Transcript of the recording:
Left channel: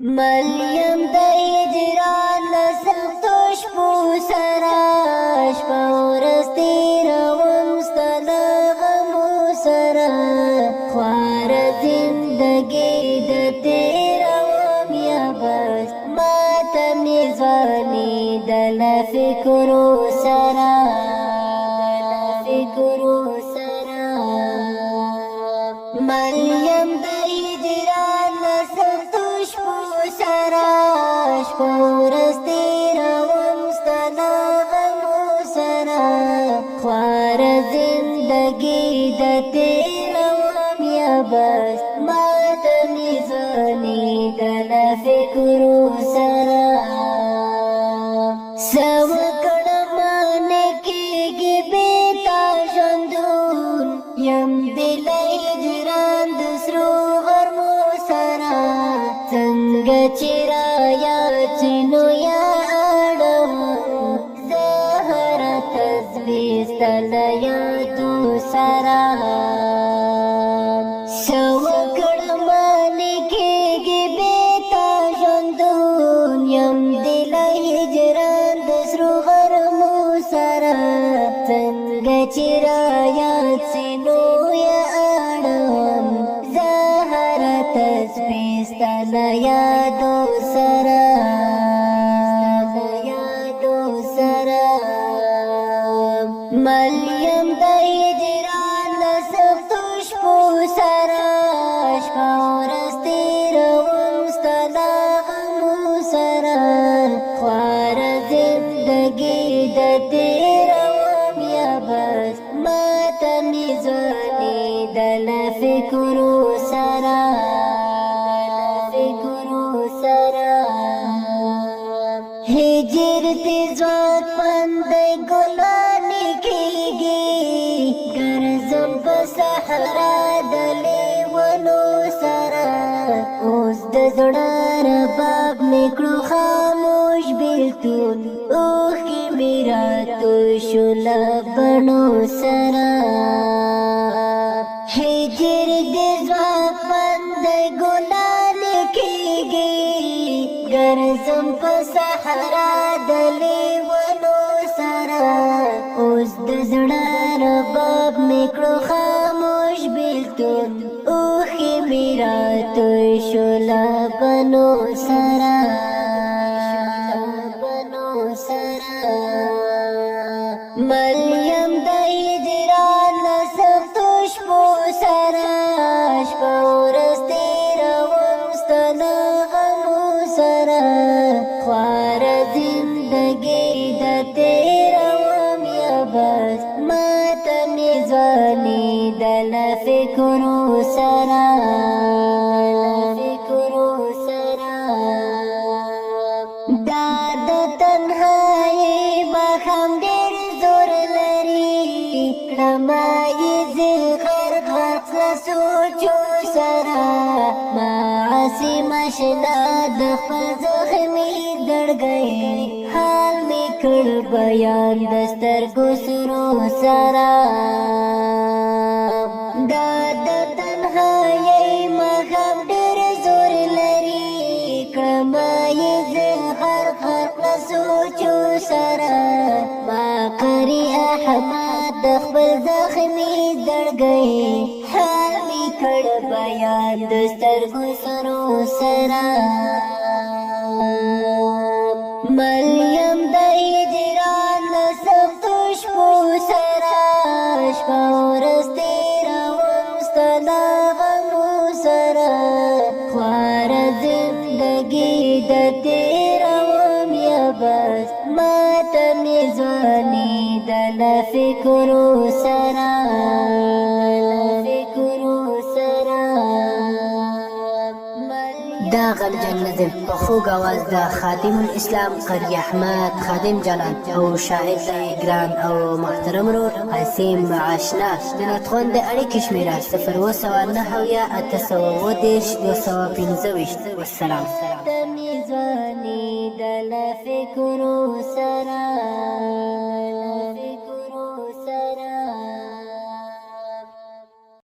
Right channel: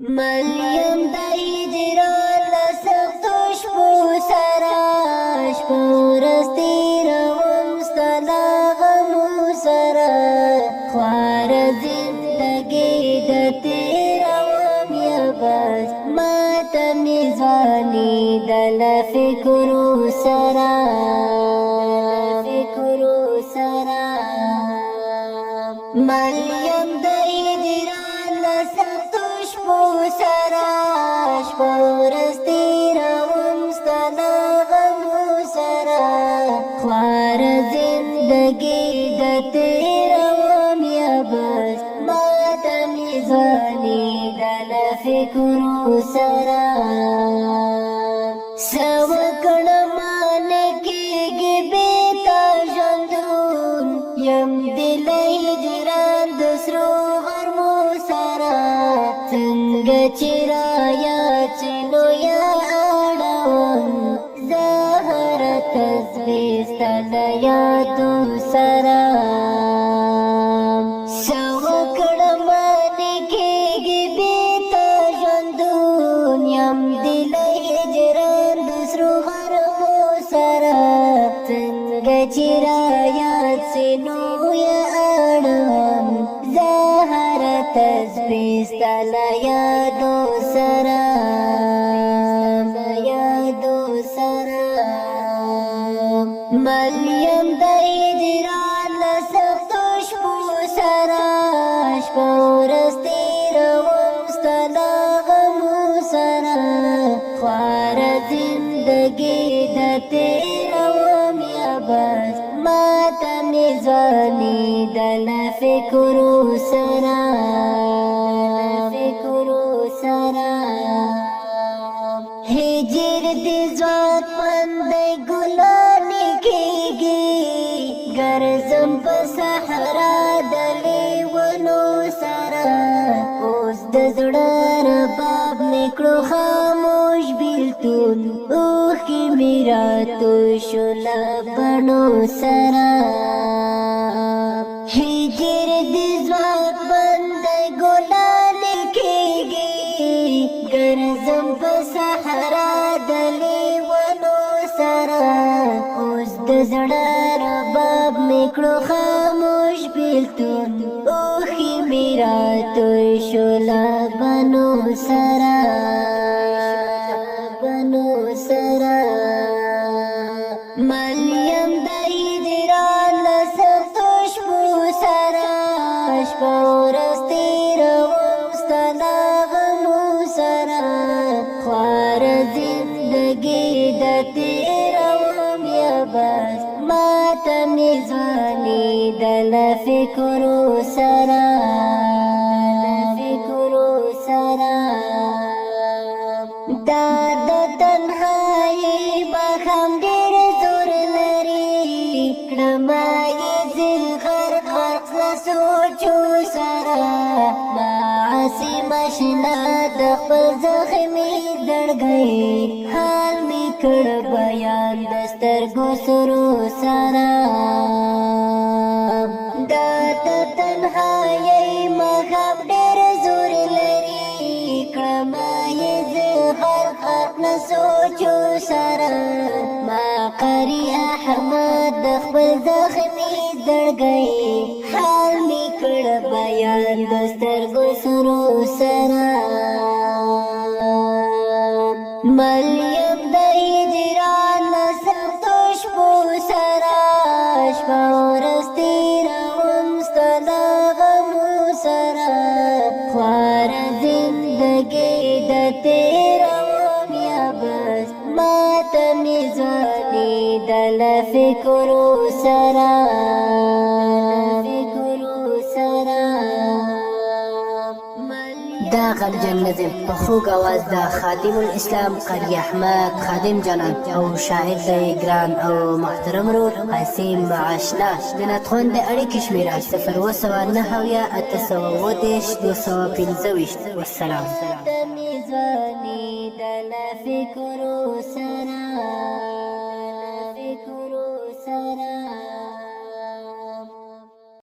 مریم د هجران له سختو شپو سره شپه ورځ تېروم ستا له غمو سره خواره زندګۍ د تېروم یا بس ماته مې ځوانېده له فکرو سره مریم د هجران له سختو شپو سره شپه ورځ تېروم ستا له غمو سره خواره زندګۍ د تېروم یا بس ماته مې ځوانېده له فکرو سره څه وکړم نه کېږي بېتا ژوندون یم د له هجران د سرو غرمو سره څنګه چې رایاد شي نو یادوم زه هره تسبیح ستا له یادو سره څه وکړم نه کېږي بېتا ژوندون یم د له هجران د سرو غرمو سره څنګه چې رایاد شي نو یادوم زه هره تسبیح ستا له یادو سره مریم د هجران له سختو شپو سره شپه ورځ تېروم ستا له غمو سره خواره زندګۍ د تېروم یا بس ماته مې ځوانېده له فکرو سره هجر د ځوان دی ګلانې کېږي ګرځم په صحرا د لیونو سره اوس د زړه رباب مې کړو خاموش بېلتون اوښکې مې راتوی شو له بڼو سره هجر د ځوان دی ګلانې کېږي ګرځم په صحرا د لیونو سره اوس د زړه رباب مې کړو خاموش بېلتون اوښکې مې راتوی شو له بڼو سره مریم د هجران له سختو شپو سره شپه ورځ تېروم ستا له غمو سره خواره زندګۍ د تېروم یا بس ماته مې ځوانېده له فکرو سره دا د تنهایۍ ماښام ډېر زور لري کړمه یې زه غرق له سوچو سره معصوم اشنا د خپل زخمي زړګۍ حال مې کړ بیان د سترګو سرو سره دا د تنهایۍ ماښام ډېر زور لري کړمه یې زه غرق له سوچو سره ما قري احمد د خپل زخمي زړګۍ حال مې کړ بیان د سترګو سرو سره مریم د هجران له سختو شپو سره شپه ورځ تېروم ستا له غمو سره خواره زندګۍ د تېروم یا بس ماته مې ځوانېده له فکرو سره دا غمجن نظم په خوږ اواز د خادم الاسلام قاری احمد خادم جلال او شاعر دی ګران او محترم ورور قاسم آشنا جنتخوان د اړیکې شمېره 079 225 والسلام